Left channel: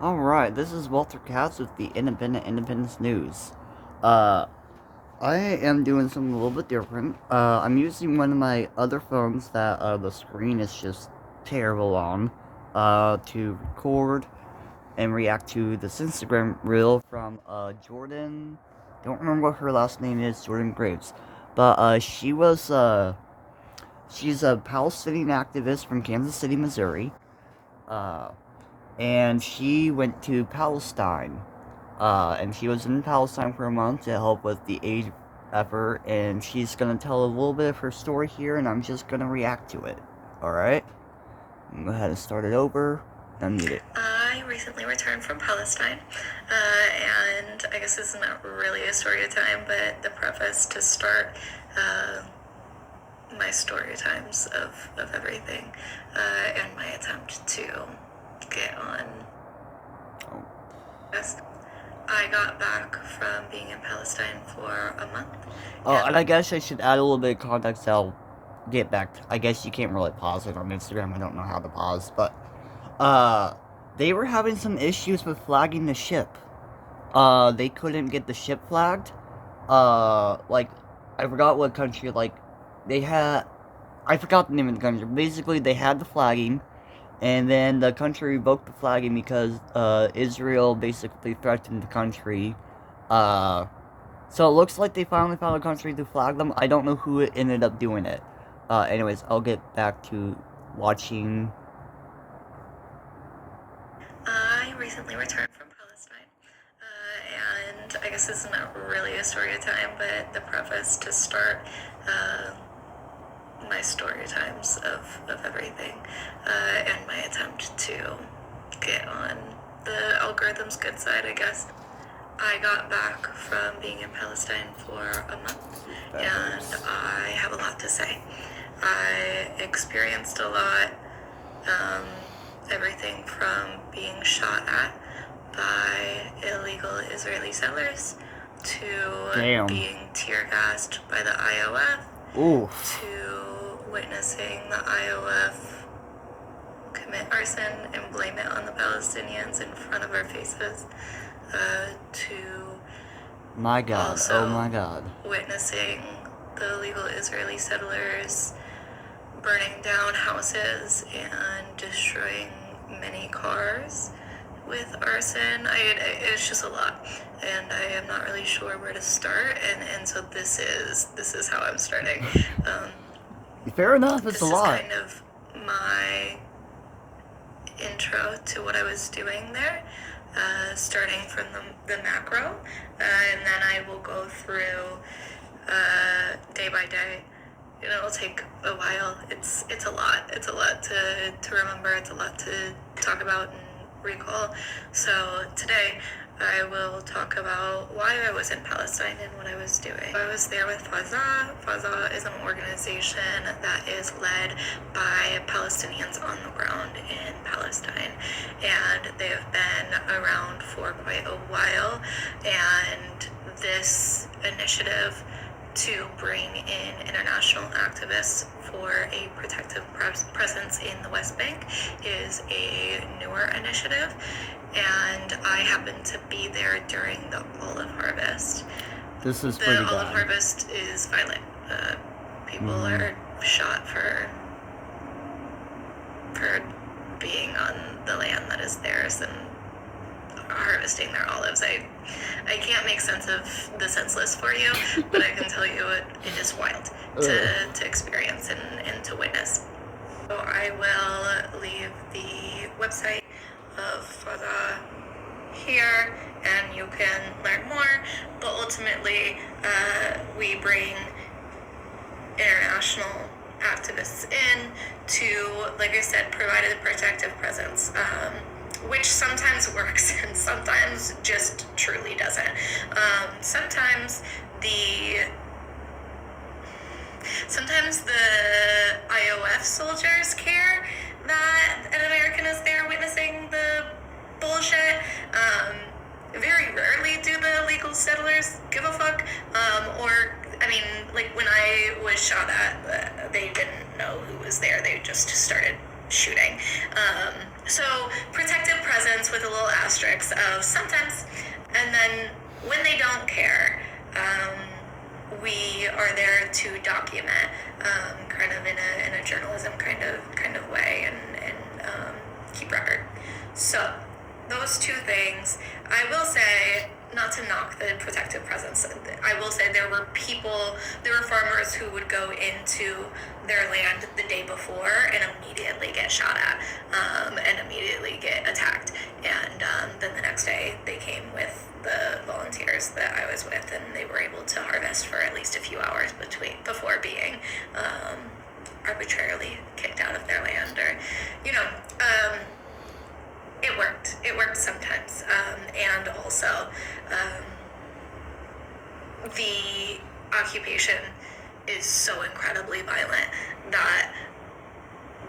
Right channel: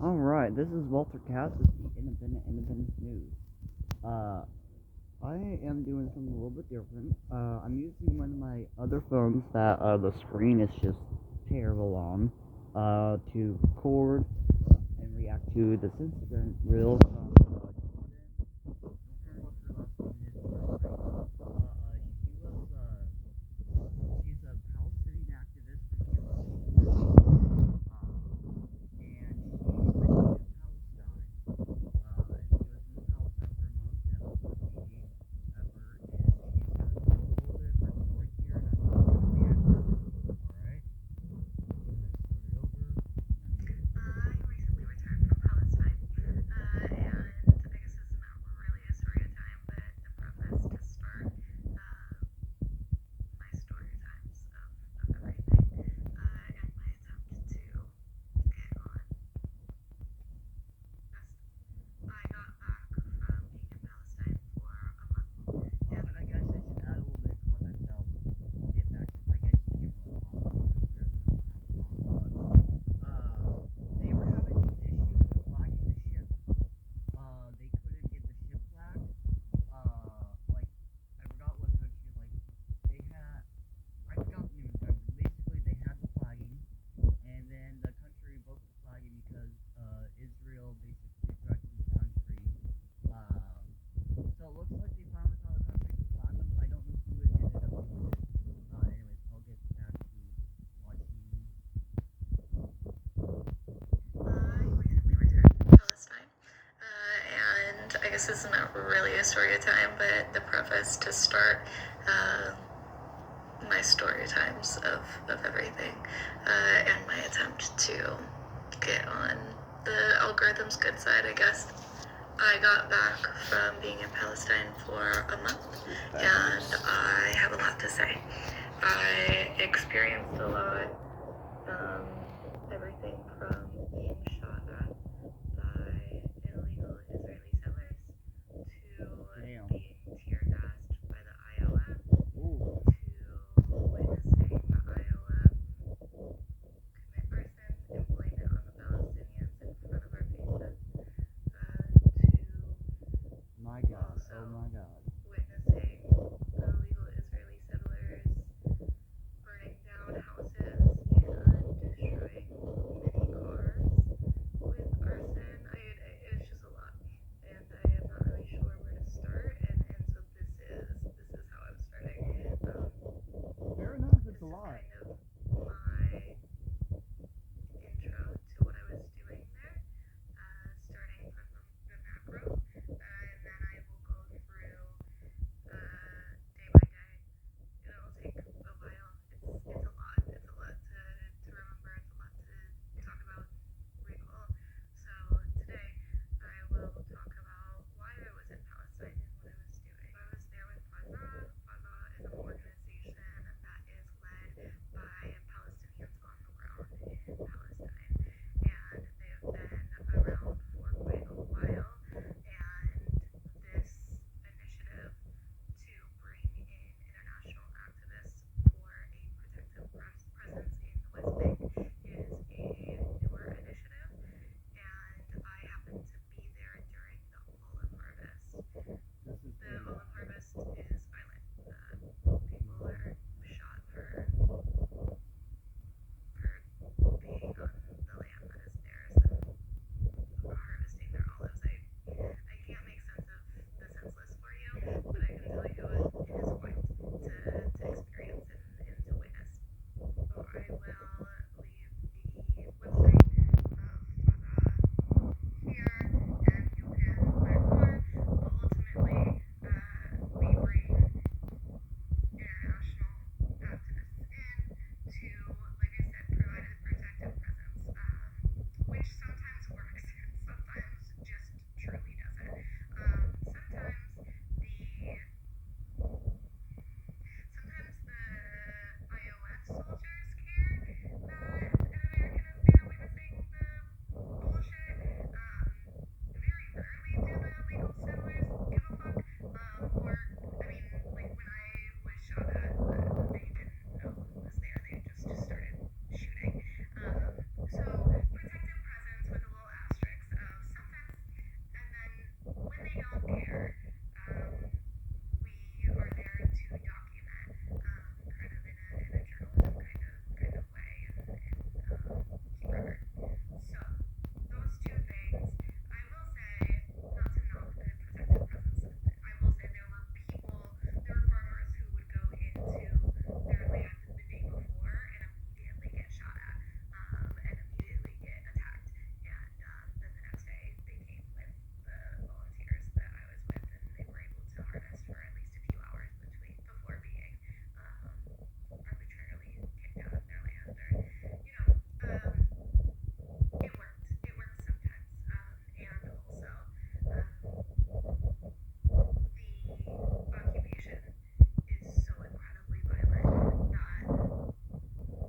Alright, this is Walter Katz with the Independence News. Uh, I am doing something a little bit different. I'm using one of my other phones that, the screen is just terrible on, to record and react to this Instagram reel from, Jordan. Don't remember what her last name is, Jordan Graves. But, she's a Palestinian activist from Kansas City, Missouri. Uh, and she went to Palestine. And she was in Palestine for a month to help with the aid effort, and she's gonna tell a little bit of her story here, and I'm just gonna react to it. Alright? Go ahead and start it over. Unmute it. I recently returned from Palestine, and I guess this is not really a story time, but the preface to start my story times of everything, and my attempt to get on. Yes. I got back from being in Palestine for a month. Oh, and I guess I should add a little bit of context. I'll get back. I guess you can't really pause it on Instagram. I don't know how to pause, but they were having some issues with flagging the ship. They couldn't get the ship flagged. Like, I forgot what country. Like, they had. I forgot the name of the country. Basically, they had the flagging, and then the country revoked the flagging because Israel basically threatened the country. So it looks like they finally found a country to flag them. I don't know who ended up doing it. Anyways, I'll get back to watching. I recently returned from Palestine, and I guess this is not really a story time, but the preface to start my story times of everything, and my attempt to get on the algorithm's good side, I guess. I got back from being in Palestine for a month, and I have a lot to say. I experienced a lot, everything from being shot at by illegal Israeli settlers to being tear gassed by the IOF. Oof. To witnessing the IOF commit arson and blame it on the Palestinians in front of our faces, to my God, also oh my God, witnessing the illegal Israeli settlers burning down houses and destroying many cars with arson. It's just a lot, and I am not really sure where to start, and so this is how I'm starting. Fair enough, it's a lot. This is kind of my intro to what I was doing there, starting from the macro, and then I will go through day by day. It'll take a while. It's a lot. It's a lot to remember. It's a lot to talk about and recall. So today I will talk about why I was in Palestine and what I was doing. I was there with Fazah. Fazah is an organization that is led by Palestinians on the ground in Palestine, and they have been around for quite a while, and this initiative to bring in international activists for a protective presence in the West Bank is a newer initiative, and I happened to be there during the olive harvest. This is pretty bad. The olive harvest is violent. People are shot for being on the land that is theirs and harvesting their olives. I can't make sense of the senseless for you, but I can tell you it is wild to experience and to witness. So I will leave the website of Fazah here, and you can learn more, but ultimately we bring international activists in to, like I said, provide a protective presence, which sometimes works and sometimes just truly doesn't. Sometimes the IOF soldiers care that an American is there witnessing the bullshit. Very rarely do the illegal settlers give a fuck. Like when I was shot at, they didn't know who was there. They just started shooting. So protective presence it's with a little asterisk of sometimes, and then when they don't care, we are there to document, kind of in a journalism kind of way, and keep record. So those two things, I will say, not to knock the protective presence, I will say there were farmers who would go into their land the day before and immediately get shot at, and immediately get attacked. And then the next day they came with the volunteers that I was with, and they were able to harvest for at least a few hours before being arbitrarily kicked out of their land, or, it worked. It worked sometimes. And also, the occupation is so incredibly violent that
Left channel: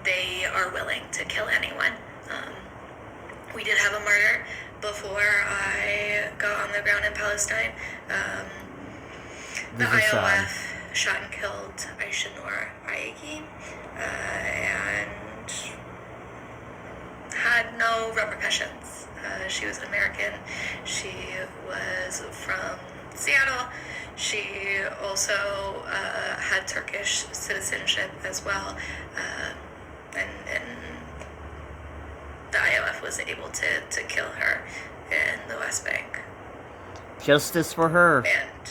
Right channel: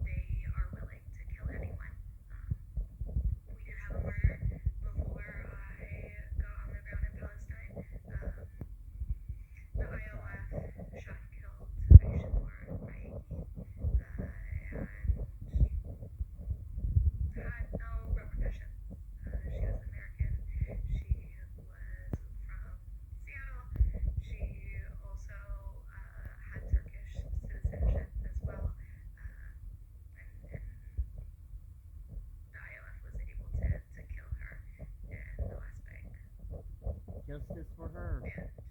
they are willing to kill anyone. We did have a murder before I got on the ground in Palestine. The IOF shot and killed Aishanur Ayagi, and had no repercussions. She was American. She was from Seattle. She also had Turkish citizenship as well, and the IOF was able to kill her in the West Bank. Justice for her. And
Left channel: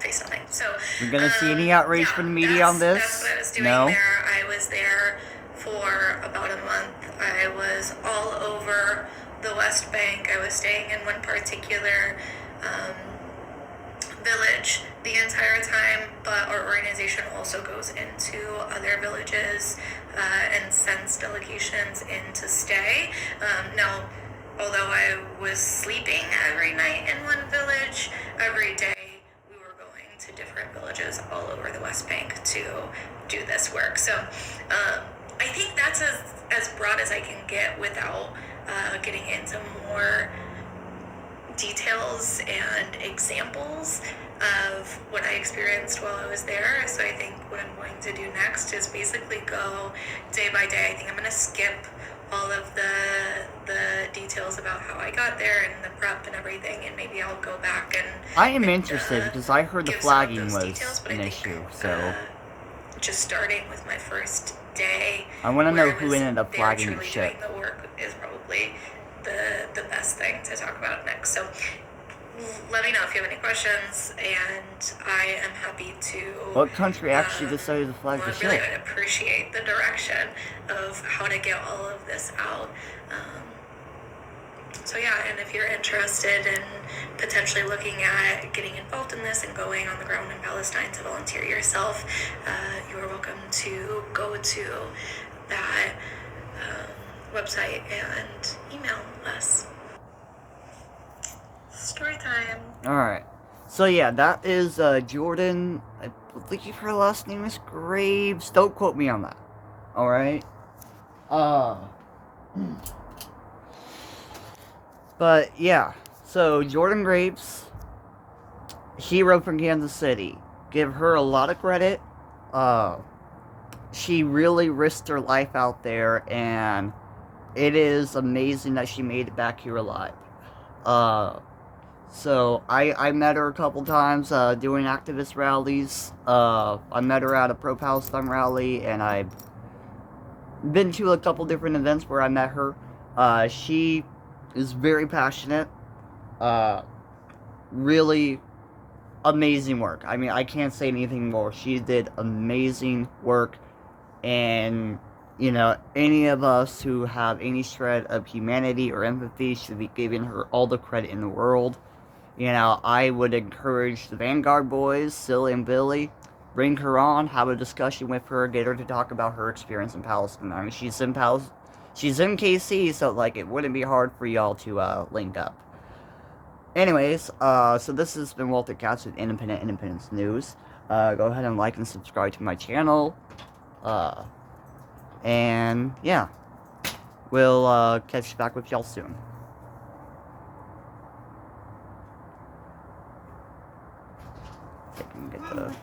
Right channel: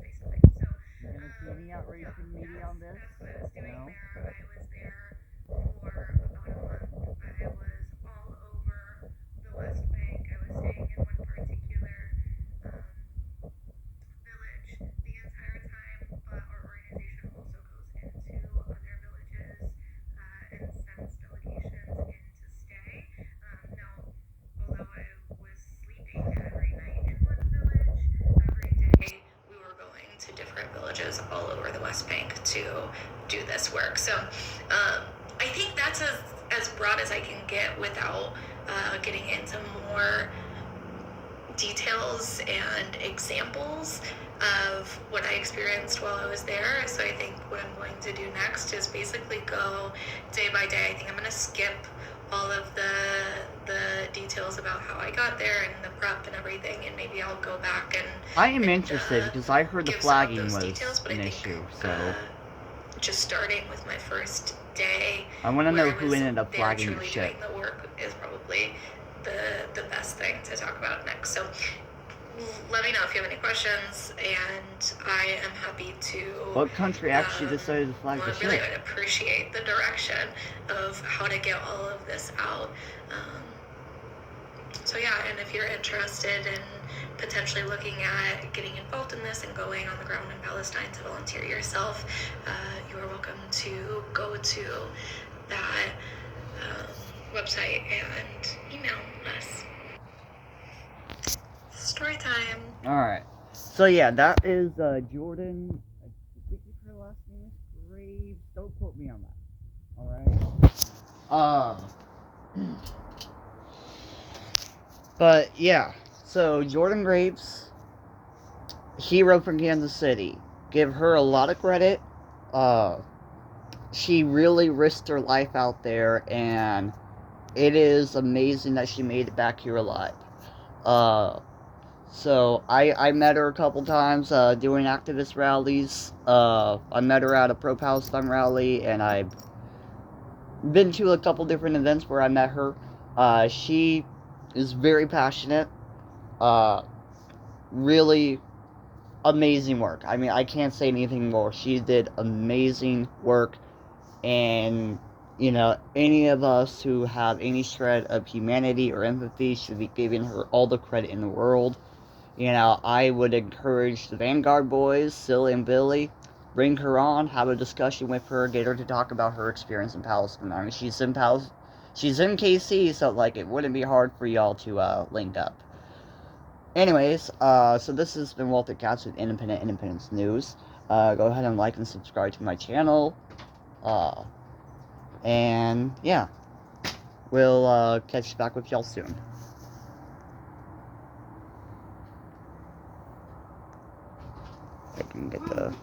face nothing. So you're gonna see any outrage from the media on this? That's what I was doing No? there. I was there for about a month. I was all over the West Bank. I was staying in one particular village the entire time, but our organization also goes into other villages and sends delegations in to stay. Now, although I was sleeping every night in one village, every day we were going to different villages all over the West Bank to do this work. So I think that's as broad as I can get without getting into more details and examples of what I experienced while I was there. So I think what I'm going to do next is basically go day by day. I think I'm going to skip all of the details about how I got there and the prep and everything, and maybe I'll go back and I am interested because I heard the flagging was details, but an I think, issue, so just starting with my first day, I want to where know I who was ended up there flagging the truly ship. doing the work is probably the best thing to talk about next. So let me know if you have any questions, and I am happy to. What country actually decided to flag the really ship? would appreciate the direction of how to get all of this out. So yeah, and if you're interested in potentially looking at getting involved in this and going on the ground in Palestine to volunteer yourself, you are welcome to go to that website and email us. Story time. Alright. So yeah, that is Jordan. I believe her last name is Graves. Don't quote me on that. Alright? But yeah. So Jordan Graves, hero from Kansas City. Give her a lot of credit. She really risked her life out there, and it is amazing that she made it back here alive. So I met her a couple times doing activist rallies. I met her at a pro-Palestine rally, and I've been to a couple different events where I met her. She is very passionate. Really amazing work. I mean, I can't say anything more. She did amazing work, and you know, any of us who have any shred of humanity or empathy should be giving her all the credit in the world. You know, I would encourage the Vanguard boys, Silly and Billy, bring her on, have a discussion with her, get her to talk about her experience in Palestine. I mean, she's in KC, so like it wouldn't be hard for y'all to link up. Anyways, so this has been Walter Katz with Independence News. Go ahead and like and subscribe to my channel. And yeah, we'll catch back with y'all soon. I can get the